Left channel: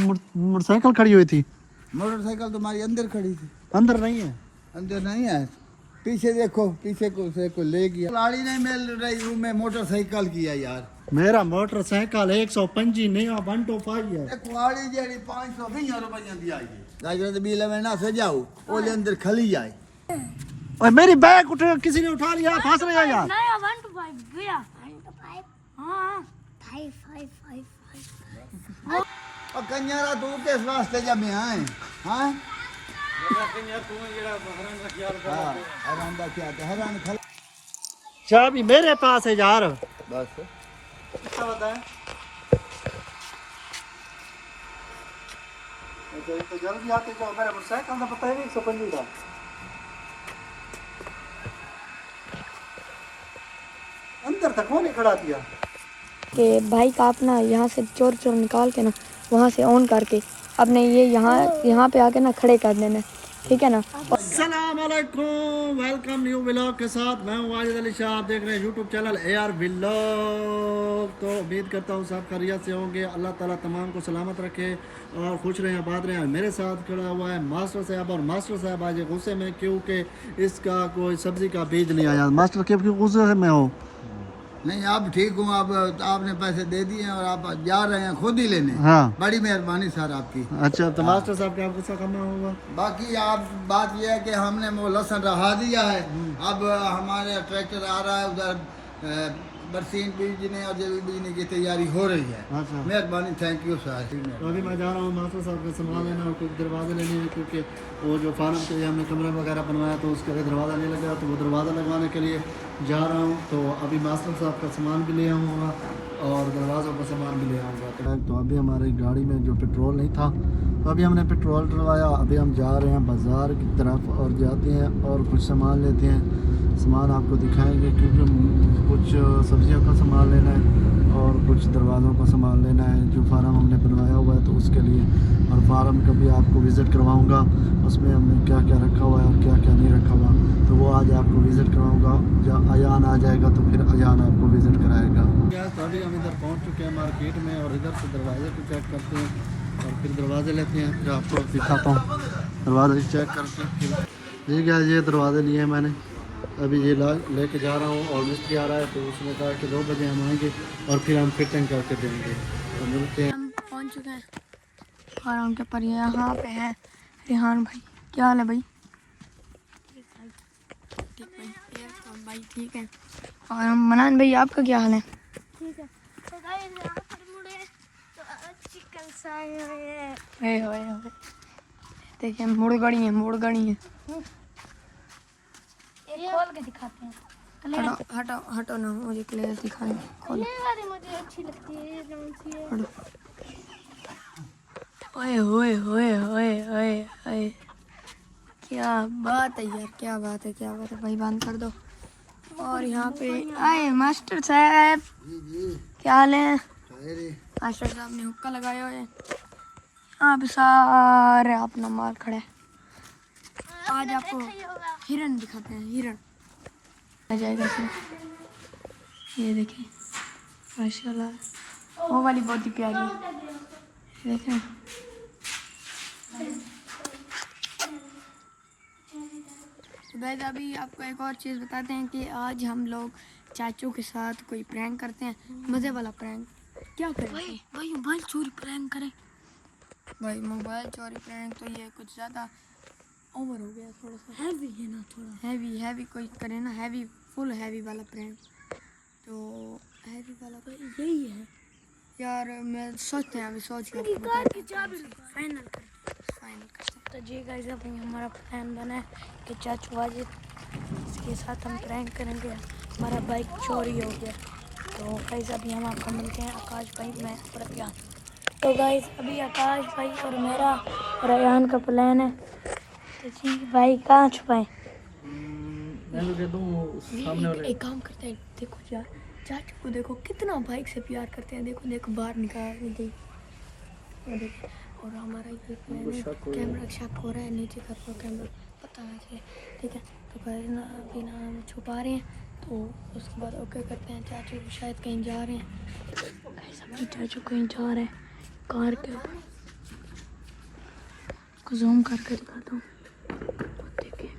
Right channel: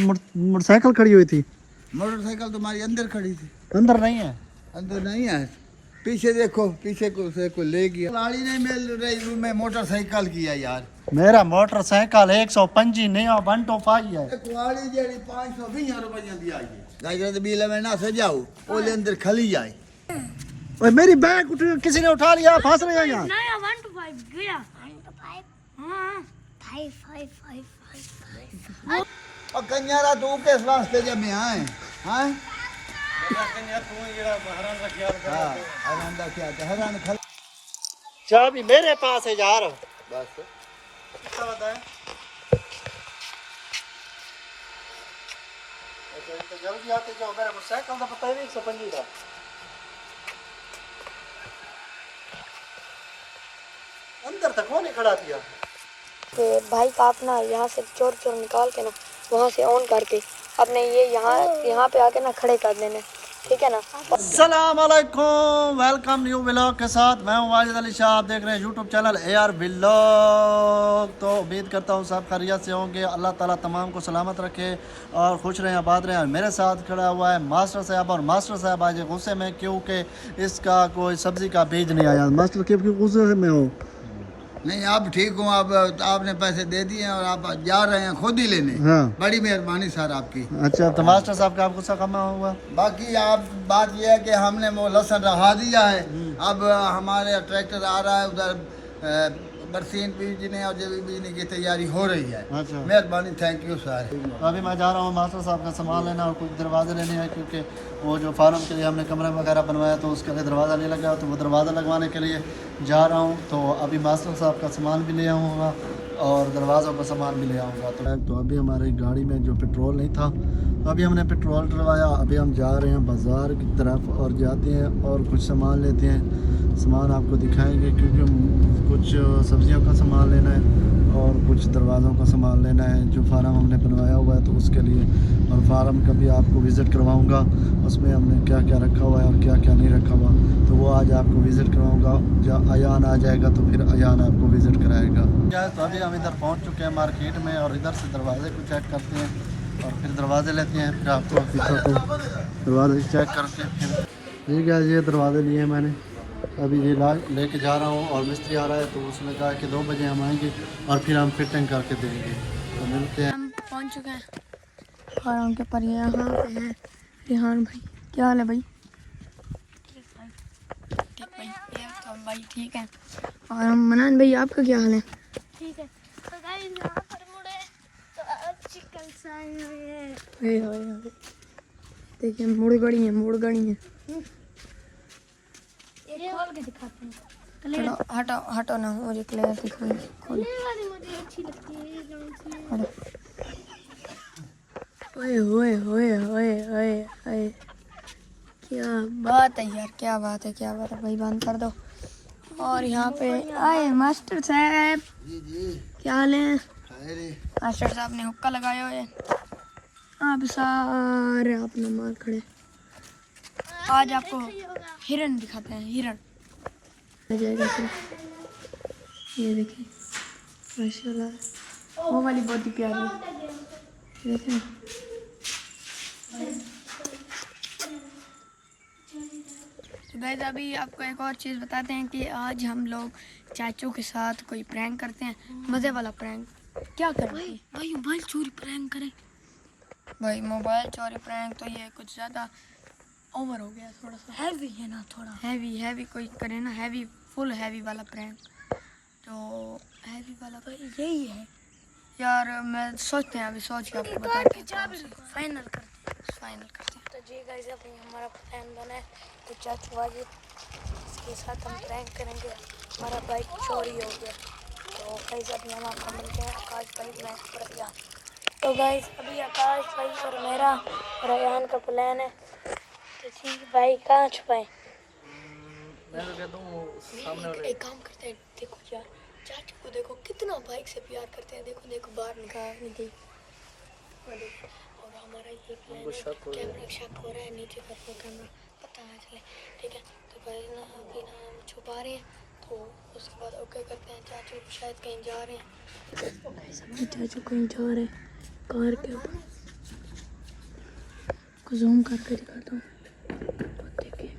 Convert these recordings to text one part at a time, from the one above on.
Motorcycle खड़ी हुई थी। मोटरसाइकिल तुम्हारी अंदर खड़ी थी। अंदर नहीं है। अंदर नहीं है, पीछे देखो, पीछे को ले गया। गाड़ी नहीं मिल रही मैं मोटरसाइकिल किया यार। मेरा मोटरसाइकिल 125 नहीं 125 है। कुआड़ी जेड़ी 520 रुपया दी आई है। गाजर बिल में ना सजाओ, ओले अंदर खली जाए। ओए मेरी बैग उठ, किसी ने उठा लिया, फंस रहा है यार। नहीं 125 गया 125 हां 5 और कन्यारा तू किस वास्ते जब में आए हैं? चाबी मेरे पास है यार। तो जल्दी आते जाओ, मेरा मोटरसाइकिल का पता है 125 का। अंदर तक कौन खड़ा दिया कि भाई का अपना यहाँ से चोर चोर निकाल के ना वहाँ से ऑन करके अपने ये यहाँ पे आके ना खड़े कर देना, ठीक है ना। अस्सलाम वालेकुम, वेलकम न्यू व्लॉग के साथ। मैं हूँ वाजिद अली शाह, आप देख रहे हैं यूट्यूब चैनल AR व्लॉग। तो उम्मीद करता हूँ सब खैरियत से होंगे। अल्लाह ताला तमाम को सलामत रखे और खुश रहें, आबाद रहें। और मेरे साथ खड़ा हुआ है मास्टर साहब, और मास्टर साहब आज गुस्से में क्योंकि इसका कोई सब्ज़ी का बीज नहीं आया। मास्टर क्यों गुस्से में हो? नहीं आप ठीक हो, आप आपने पैसे दे दिए और आप जा रहे हैं खुद ही लेने। हाँ, बड़ी मेहरबानी सर आपकी। अच्छा तो मास्टर साहब का आप गुस्सा कम हुआ? बाकी आप बात यह है कि हमने वो लहसुन रखा दिया है। अब हमारे ट्रैक्टर आ रहा है उधर बरसीन बीजने और जब बीजने की तैयारी हो रही है। अच्छा मेहरबानी, थैंक यू सर। तो अभी मैं जा रहा हूँ मास्टर साहब का सामान लेना और कुछ दरवाजे लेने हैं, क्योंकि वो जो फार्म के लिए हमने कमरा वगैरह बनवाया तो उसके लिए दरवाज़ा नहीं लगा, तो वो दरवाज़ा लगवाने के लिए जा रहा हूँ। तो अभी मास्टर साहब का सामान भी ले आऊँगा और दरवाज़ों का सामान भी ले आऊँगा। तो अभी हमारी गाड़ी में जो पेट्रोल नहीं था, तो अभी हमने पेट्रोल डलवाया। अभी हम जा रहे हैं बाज़ार की तरफ और जाते हैं और कुछ सामान लेते हैं। सामान आपको दिखाएंगे क्योंकि कुछ सब्जियों का सामान लेना है और कुछ दरवाज़ों का सामान लेना है जो फार्म हमने बनवाया हुआ है, तो उसके लिए। और फार्म का भी आपको विज़िट करवाऊंगा, उसमें हमने क्या क्या रखा हुआ है और क्या क्या नहीं रखा हुआ, तो वो आज आपको विज़िट करवाऊंगा। जब अयान आ जाएगा तो फिर अयान आपको विज़िट कराएगा। तो अभी हम इधर पहुँच चुके हैं मार्केट में और इधर से दरवाजे को चेक करते हैं और फिर दरवाजे लेते हैं। फिर आपको दिखाता हूँ दरवाजे चेक करते हैं। फिर ठीक है, ये दरवाजे लिए हैं मैंने, अभी ये लेके जा रहा हूँ और मिस्त्री आ रहा है तो उसने कहा कि 2 बजे हम आएंगे और फिर हम फिटिंग करके देंगे। तो मिलते हैं। हम पहुँच चुके हैं फार्म के पर। यहाँ पे है रिहान भाई, क्या हाल है भाई? ठीक भाई, तो भाई ठीक है। और मनान भाई आपका क्या हाल है? ठीक है। तो गाइस यहाँ पर मुड़े तो चिकन साए देखिए मुड़गड़ी है। खोल के दिखाते हैं। हटो ना, मुझे क्लियर दिखाएं। खोलो, मुझे अच्छी लगती है हटो। ओए क्या बात है यार, क्या बात है भाई, बंद कर दो। और यहाँ पे आए मास्टर साहब, क्या हाल है? मास्टर साहब ने हुक्का लगाया है, यहाँ पे सारे अपना माल खड़े। आज आपको हिरन दिखाते हैं, हिरन आ जाएगा फिर। ये देखिए माशाल्लाह, वो वाली बहुत ही प्यारी है, देखें। तो गाइस अभी आपको एक और चीज़ बताते हैं कि आज हम लोग चाचू के साथ कोई प्रैंक करते हैं, मज़े वाला प्रैंक। क्या करें भाई मोबाइल चोरी प्रैंक करें? भाई मोबाइल चोरी प्रैंक तो ये कुछ ज़्यादा ओवर हो गया, थोड़ा सा हैवी है ना, थोड़ा हैवी कोई करे ना, हैवी फुल हैवी वाला प्रैंक। तो हैवी वाला तो यही है यार। मैं सोचते हैं, अभी सोच के आपको बताते हैं, फाइनल करते हैं। तो जी गाइस अभी हमारा प्लान बना है कि चाचू वाजिद इसके साथ हम प्रैंक करेंगे। हमारा बाइक चोरी हो गया। तो गाइस अभी हम आपको मिलते हैं आकाश भाई, मैं और अयान। तो गाइस अभी आकाश भाई और मेरा और अयान का प्लान है। जी भाई कहाँ छुपाए? मैं तो कहता हूँ सामने वाले। एक काम करते हैं, देखो यार चाचू को देखो कितना बाइक से प्यार करते हैं। देखो बाहर निकल गई। और हमारा ये कैमरा शक हो रहा है, नीचे का कैमरा पता है, ठीक है। तो गाइस ना अभी ना हम छुपा रहे हैं, तो उसके बाद ओके करते हैं। चाचू शायद कहीं जा रहे हैं, चाचू कहीं जा रहे हैं कार के ऊपर। आपको जूम करके दिखाता हूँ। देखिए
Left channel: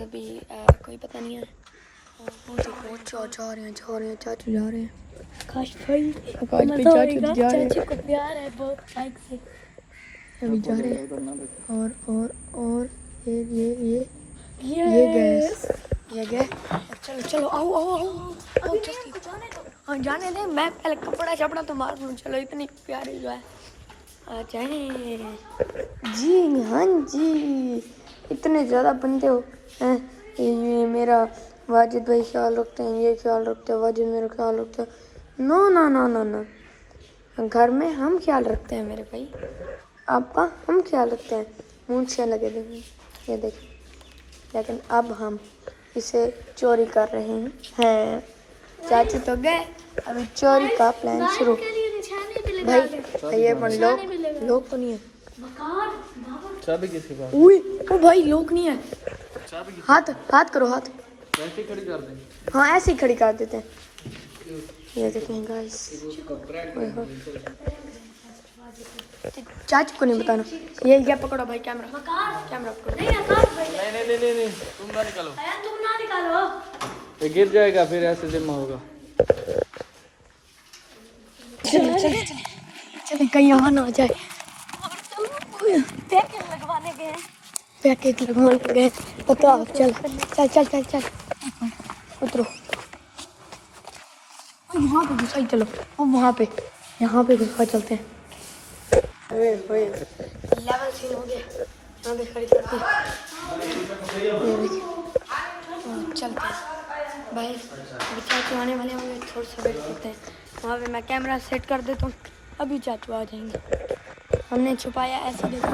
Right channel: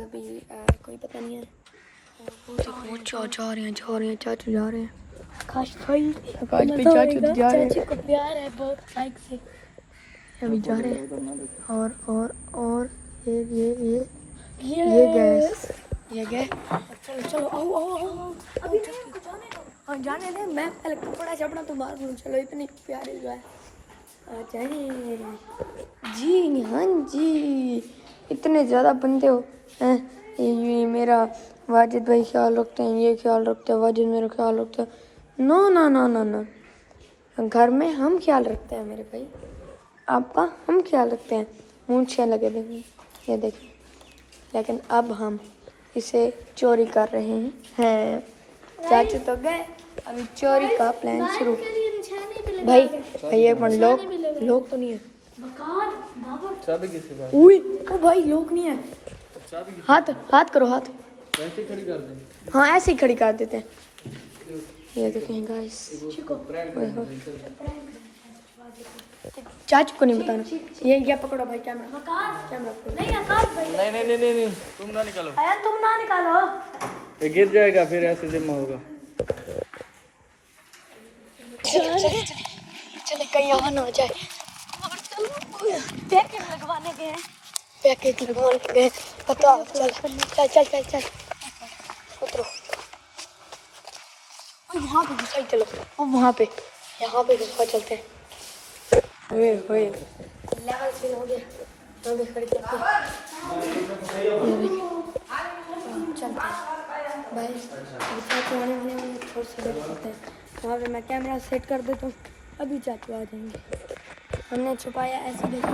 अभी कोई पता नहीं है। देखो जा रहे हैं चाचू जा रहे हैं। काश भाई चाचू जा रहे हैं। चाचू को प्यार है बहुत लाइक से। अभी जा रहे हैं और ये गैस चलो चलो आओ हाँ जाने दे। मैं पहले कपड़ा शपड़ा तो मार लूँ। चलो इतनी प्यारी जो है आ जाए जी। हाँ जी इतने ज़्यादा बंदे हो हैं। ये मेरा वाजिद भाई ख्याल रखते हैं, ये ख्याल रखते हैं, वाजिद मेरा ख्याल रखते हैं। नो ना ना ना ना घर में हम ख्याल रखते हैं मेरे भाई। आपका हम ख्याल रखते हैं। मूंछें लगे देंगे ये देखिए। लेकिन अब हम इसे चोरी कर रहे हैं। चाची तो गए अभी चोरी का प्लान शुरू। भाई ये पर लोग तो नहीं है। चाबी किसी का? ओ भाई लोग नहीं है। हाथ करो हाथ। ऐसे खड़ी कर देंगे। हाँ ऐसे ही खड़ी कर देते हैं। ये देखें गाइस। चाचू को नहीं बताना। ये पकड़ो भाई कैमरा पकड़ो। नहीं तुम ना निकालो। तुम ना निकालो। ये गिर जाएगा फिर ऐसे जमा होगा। चलो कहीं यहाँ ना जाए। बताओ आप चल उतरो। यहाँ पे घुसा चलो। यहाँ पे घुसा चलते हैं। लेवल सीन हो गया। यहाँ पे खड़ी करते हैं। ये देखिए चलते हैं भाई। अभी चाचू आने वाले हैं। थोड़ा सा वेट करते हैं। वहाँ पे मैं कैमरा सेट कर देता हूँ। अभी चाचू आ जाएंगे। हमने छुपाया ऐसे देखो।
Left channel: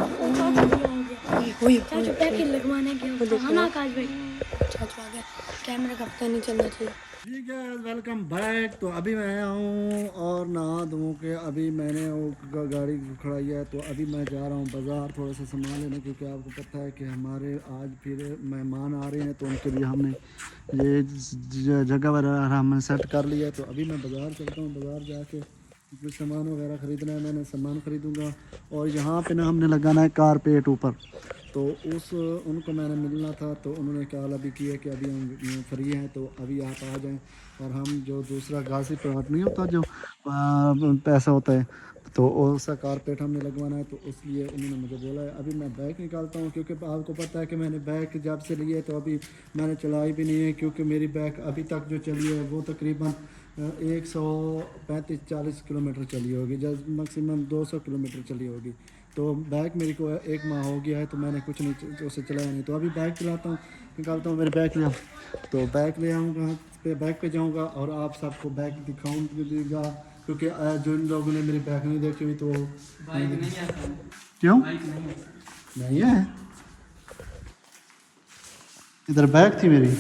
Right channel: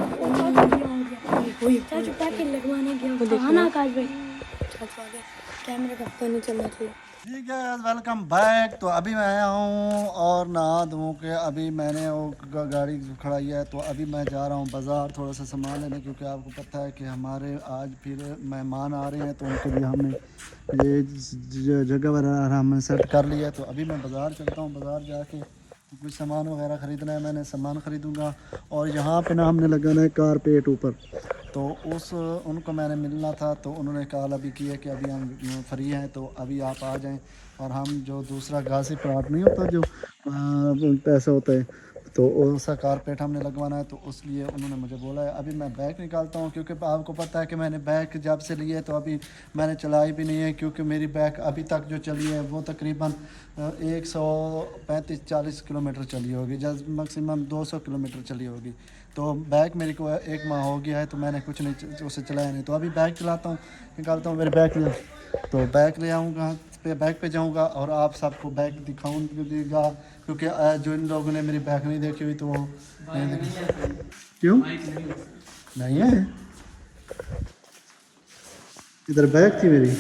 चाचू पैकेट लगवाने गया। हाँ ना काज भाई चाचू आ गया। कैमरे का पता नहीं चलना चाहिए। ठीक है वेलकम बैक। तो अभी मैं आया हूँ और नहा धो के अभी मैंने वो गाड़ी खड़ाई है। तो अभी मैं जा रहा हूँ बाज़ार थोड़ा सा सामान लेने, क्योंकि आपको पता है कि हमारे आज फिर मेहमान आ रहे हैं। तो उनके लिए हमने ये जगह वगैरह हमने सेट कर लिया है। तो अभी मैं बाज़ार चलता हूँ। बाज़ार जाके कुछ सामान वगैरह ख़रीदना है। मैंने सामान ख़रीदूँगा और यहाँ पे ना हमने लगाना है कारपेट ऊपर। तो उनको मैंने मिलना था। तो उन्होंने कॉल अभी किया कि अभी हम फ्री हैं तो अभी आप आ जाएं। और हम जो दूसरा घासी प्लाट नहीं होता जो पैसा होता है तो वैसा कारपेट हमने लगवाना है। तो उसलिए उन्होंने मुझे बोला है। अभी मैं बैग निकालता हूँ, क्योंकि आपको पता है कि मैंने बैग जब से लिए तो अभी मैंने चलाई भी नहीं है, क्योंकि मेरी बैग अभी तक जो चली है वो तकरीबन 135-40 किलोमीटर चली होगी, जब मैक्सिमम 200 किलोमीटर चली होगी। तो बैग मेरे को 1 माह हो गया है तो मैंने कुछ नहीं उसे चलाया नहीं। तो अभी बैग चलाता हूँ, निकालता हूँ। मेरे बैग ले तो बैग ले आऊँगा, बैग पे जाऊँगा और आप सबको बैग दिखाऊँगा, क्योंकि जिन लोगों ने मेरी बैग नहीं देखी हुई तो वो नहीं देखी। क्यों नहीं है? इधर बैग थी मेरी।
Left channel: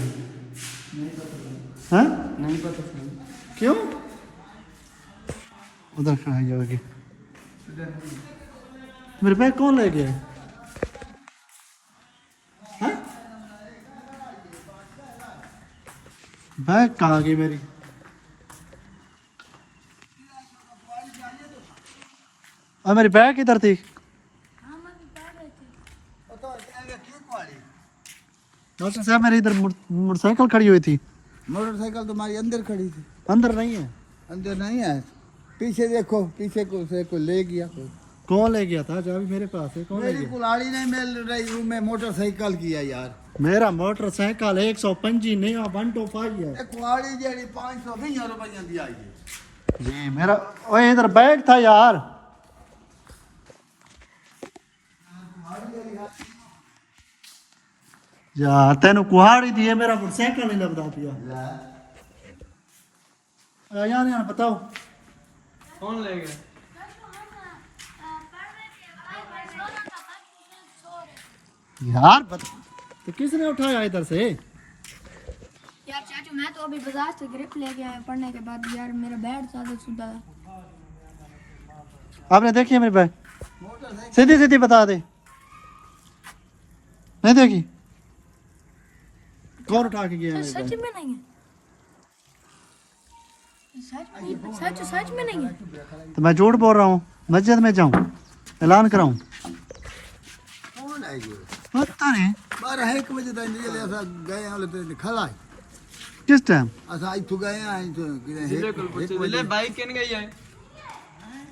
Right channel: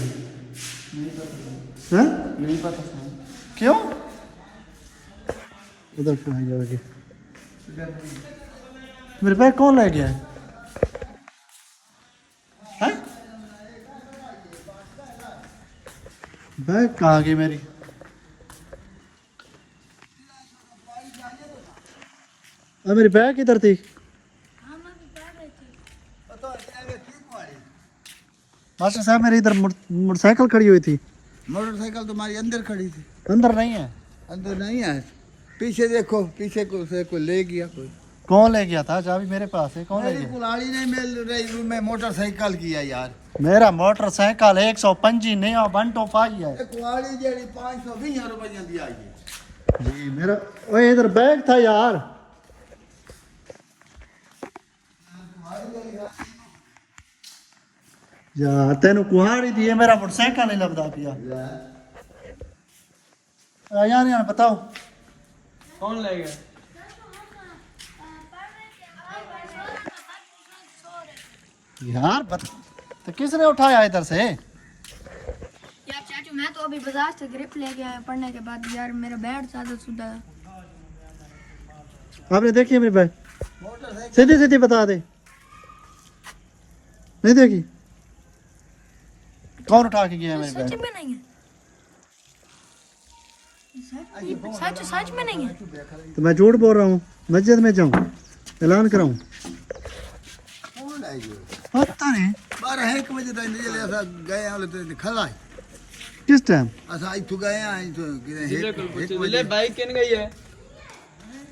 हाँ नहीं पता। क्यों? उधर क्यों है जाओगी? मेरे बैग कौन ले गया है? बैग कहाँ गई मेरी? मेरी बैग किधर थी? मास्टर साहब मेरी इधर मोटरसाइकिल खड़ी हुई थी। मोटरसाइकिल तुम्हारी अंदर खड़ी थी। अंदर नहीं है। अंदर नहीं है, पीछे देखो, पीछे को ले गया कोई। कौन ले गया था? चाबी मेरे पास है। कौन ले मेरी गया? कुल्हाड़ी नहीं मिल रही, मैं मोटरसाइकिल किया यार। मेरा मोटरसाइकिल 125 नहीं 125 है। कुल्हाड़ी जेडी 520 रुपये दी आई है जी मेरा। ओए इधर बैग था यार। यार तेन कुहाड़ी दी है, मेरा मोटरसाइकिल नहीं लभदा पिया यार बताओ कौन ले गया? यार तो किसने उठाया इधर से? मैं तो अभी बाजार से ग्रिप लेके आया पढ़ने के बाद यार मेरा बैट ज्यादा सुधा था। आपने देखी है मेरी बैग? सीधी कितनी बता दे। नहीं देखी? कौन उठा के गया मेरी सच बैग? में नहीं है, सच में नहीं है। तो मैं झूठ बोल रहा हूँ? मस्जिद में जाऊँ, ऐलान कराऊँ? कौन आई जो पता नहीं 12-1 बजे तक निकले असा गए वाले तो खला किस टाइम। असा इथु गए आई तो जिले कुल पूछे जिले बाइक किन गई है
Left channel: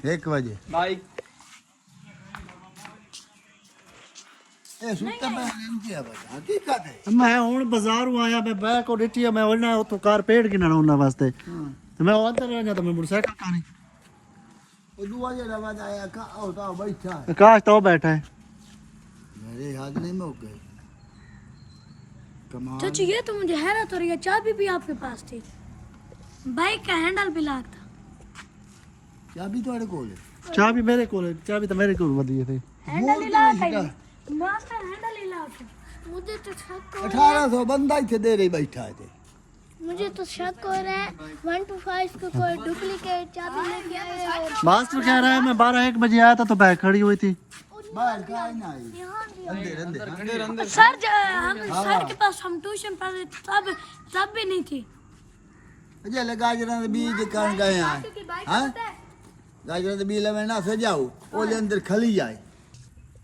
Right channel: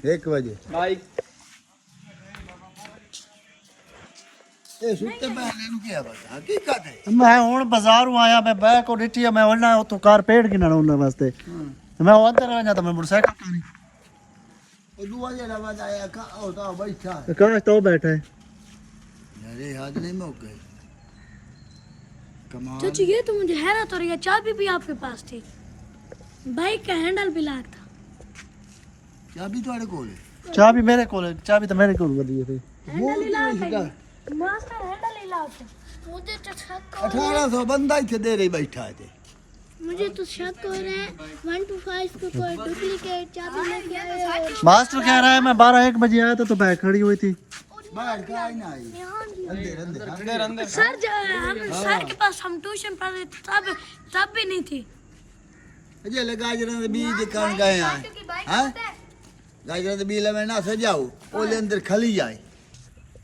1 बजे बाइक ये सुत्ते पहले नु क्या बता हकीकत है मैं हूँ बाजारों आया, मैं बैग को डिटी मैं उड़ना तो कारपेट गिना उड़ना वास्ते तो मैं अंदर रह जाता, मैं मोटरसाइकिल का नहीं। वो दुआ जरा बाद आया का होता बैठा है काश तो बैठा है। अरे हाथ नहीं मौके कमाल चाची ये तो मुझे हैरत हो रही है, चाबी भी आपके पास थी, बाइक का हैंडल भी लॉक था। चाबी थोड़े कोल है चाबी मेरे को, चाबी तो मेरे को दी थी। हैंडल ही लॉक है, मास्टर हैंडल ही लॉक है। मुझे तो शक हो 1800 बंदा इथे दे रही बैठा है मुझे तो शक हो रहा है 1 to 5 को कोई डुप्लीकेट चाबी लेके आया है। मास्टर कह रहा है मैं 12-1 बजे आया था तो बैग खड़ी हुई थी। बाहर का ही ना आई अंदर सर हम सर के पास हम ट्यूशन पढ़ते तब भी नहीं थी। अजय ले गाजरा दे बीज कण गए हैं हैं गाजरा दे बीज ले ना सजाओ ओले अंदर खली जाए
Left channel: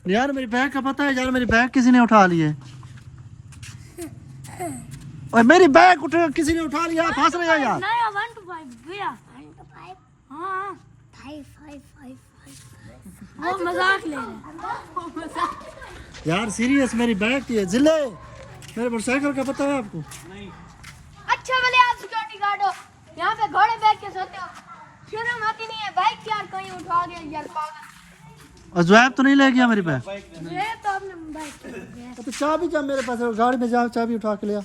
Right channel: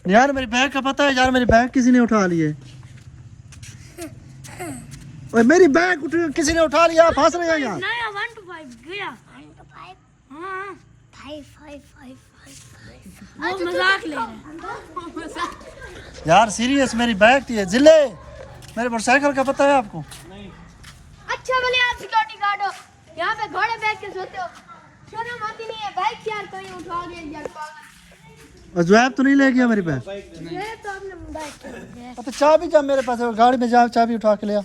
यार मेरी बैग का पता है यार, मेरी बैग किसी ने उठा ली है। ओए मेरी बैग किसी ने उठा लिया, फंस रहे हैं यार। नया 1 to 5 गया 1 to 5 हां 5 वो मजाक ले रहे हैं, वो मजाक। यार सीरियस मेरी बैग थी जिले, मेरे मोटरसाइकिल का पता है आपको? अच्छा बोले आप सिक्योरिटी गार्ड हो, यहाँ पे घोड़े बैठ के सोते हो, शर्म आती नहीं है? बाइक यार कहीं उठा गया यार पागल। और ज़ुएब तो नहीं ले गया मेरी बैग? ये तो आपने बाइक तो चाबी जब मेरे पास है गाड़ी में जा, चाबी उठा के लिया।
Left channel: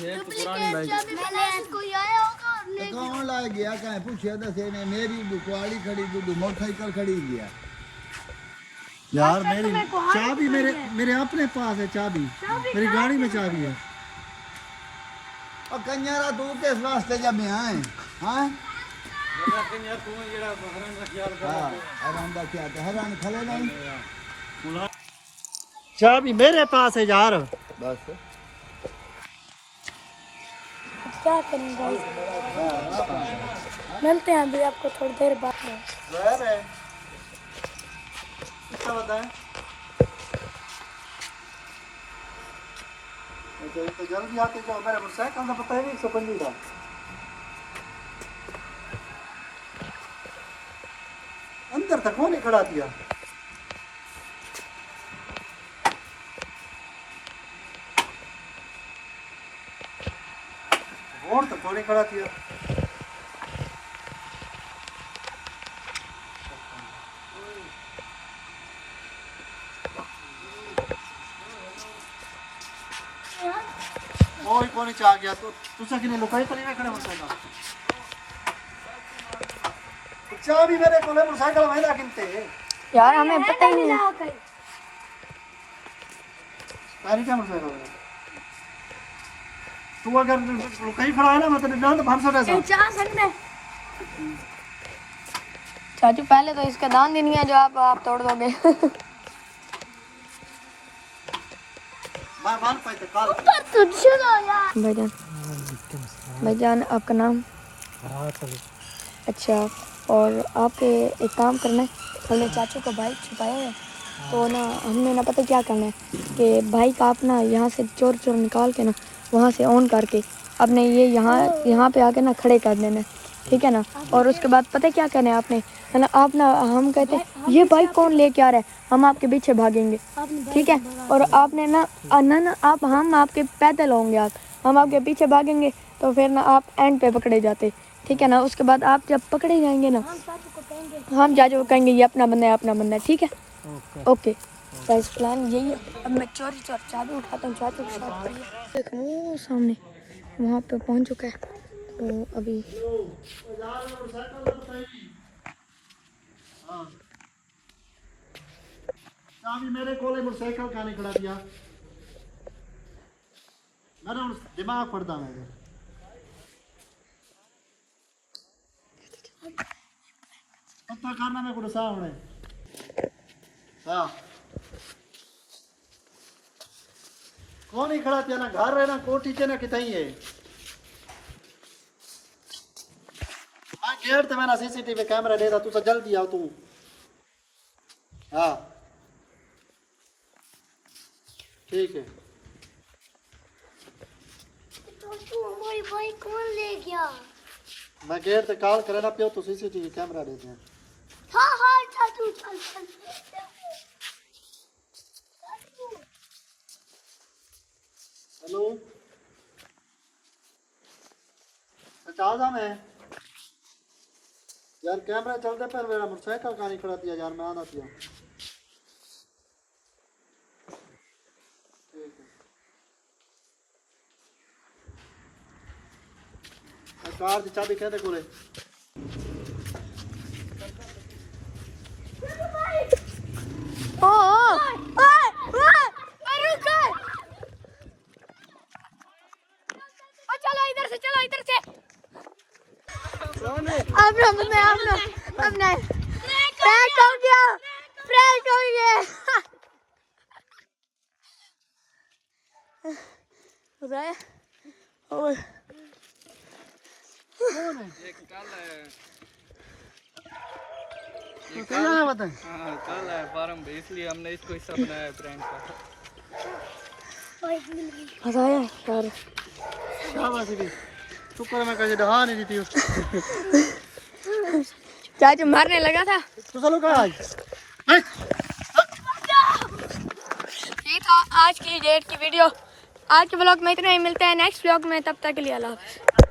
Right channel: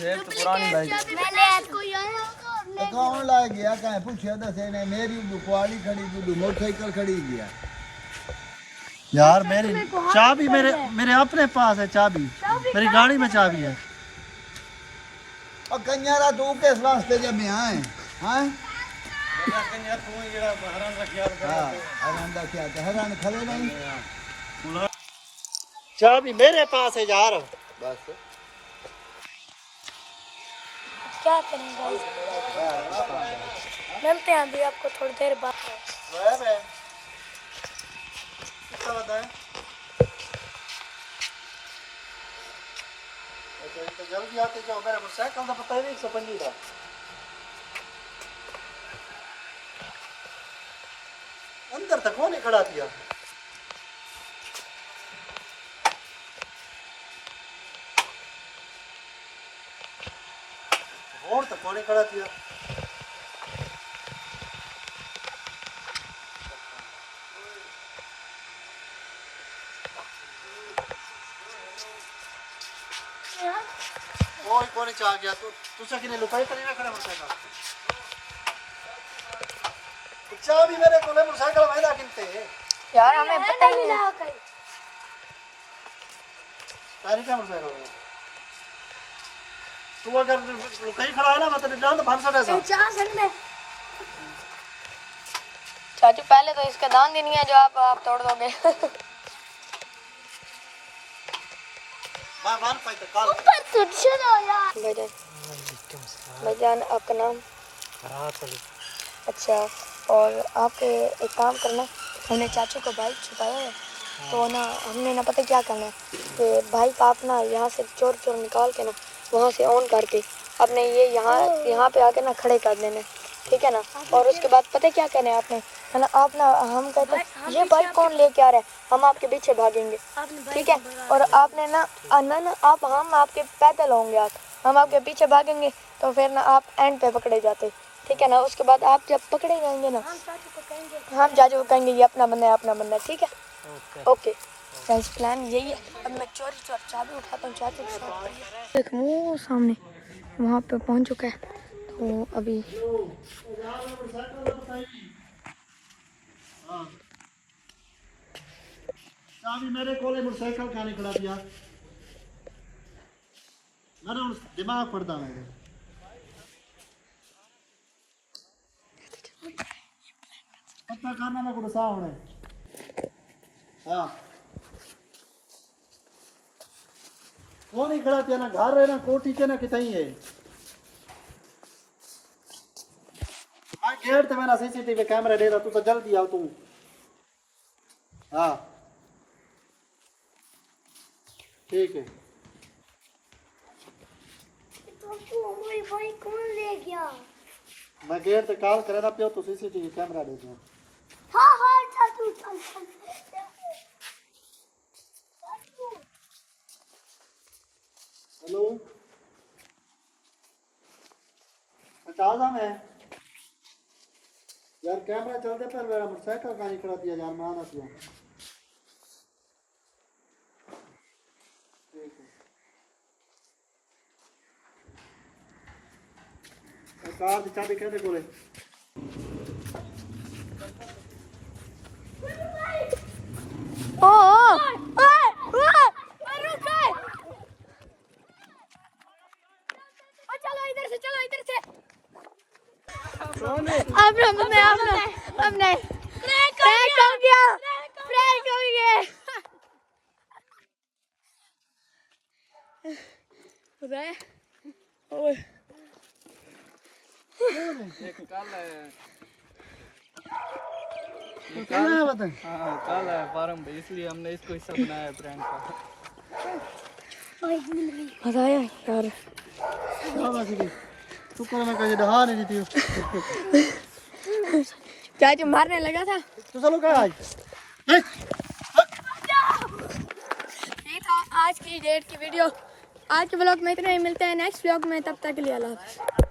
डुप्लीकेट चाबी बना के कोई आया होगा और ले कौन ला गया कहे पूछे दसे ने मेरी दुकाड़ी खड़ी थी मोटरसाइकिल खड़ी गया यार मेरी चाबी मेरे अपने पास है, चाबी मेरी गाड़ी में चाबी है। और कन्यारा तू किस वास्ते जब मैं आए हैं हरान खड़े नहीं चाबी मेरे पास है यार। क्या करें गाइस, मिलते हैं अभी आपको थोड़ी देर बाद। तो जल्दी आती तो मेरा मोटरसाइकिल का पता है 125 का। अंदर तक कौन खड़ा किया? और तक कौन खड़ा किया? और कौन आ गया तो तुसा किने लुकाई करेगा खड़ा मोटरसाइकिल। चाबी मेरे को ले मोटरसाइकिल वहीं किनते यार हमें पता ही नहीं है। तारी क्या मोटरसाइकिल है? तू अगर कहीं खड़ा है ना मतलब ना तो भाग सकता है। चाचू पहले तो इसका दान नहीं है जो आप तोड़ दोगे। भाईजान आपका नाम? अच्छा, और आपके एक काम करना है, पहले चाचू का बाइक छुपाया है तो ना हमने ना पता क्या करना है कि बाइक आप ना यहाँ से चोर निकाल के ना वहाँ से ऑन करके आपने ये यहाँ पे आके ना खड़े कर देना है, ठीक है ना। और उसके बाद पता क्या करना है आपने, है ना, आप ना हम कहते हैं ये बाइक कौन लेके आ रहा है, हम आपके पीछे भागेंगे, ठीक है। और आपने ना आप हम आपके पैदल होंगे, हम आपके पीछे भागेंगे तो फिर ना आप एंड पे पकड़े जाते, ठीक है ना। उसके बाद आप जब पकड़े जाएंगे ना हम चाचू को कहेंगे ये अपना बंदा है, ठीक है। ओके गाइस, प्लान यही है। अब मैं चोरी चाबी उठाता हूँ, चाचू के साथ पड़ी है वो सामने वहाँ पे पहुँच चुका है तो अभी चाबी मेरे कोले मोटरसाइकिल का नहीं खड़ा दिया। ना ना दिमाग पड़ता मेरे पता करना में कुछ सामने हाँ कौन ही खड़ा पिया ना घर है ना कोठी चे ना कितनी है मैं गेट ते मैंने सीसीटीवी कैमरा दे रहा तू तो जल्दी आओ तू हाँ ठीक है हमारी बाइक कौन ले गया? मैं गेट पे कॉल करे ना पियो तो सीसीटीवी कैमरा दे दे हाँ हाँ चाचू चल चल हेलो चाचा मैं यार कैमरा चलते पर मेरा मोटरसाइकिल कहाँ निकला दिया यार मैं आना पिया कार की चाबी कहते कोले ओ चलो इधर से हमने प्रैंक हो गया बताया ओए एक कल है क्या है बता हाँ कल है फार्म पे इसलिए हमने इसको हिस्सा बनाया है प्रैंक का मजा आया यार शाबाश की शुक्र मैं कहीं डहा नहीं जीती चाचू मारने लगा था तू चलो कहाँ आई ये था आज की डेट की वीडियो आज के ब्लॉग में इतना ही मिलता है नेक्स्ट ब्लॉग में तब तक के लिए अल्लाह हाफ़िज़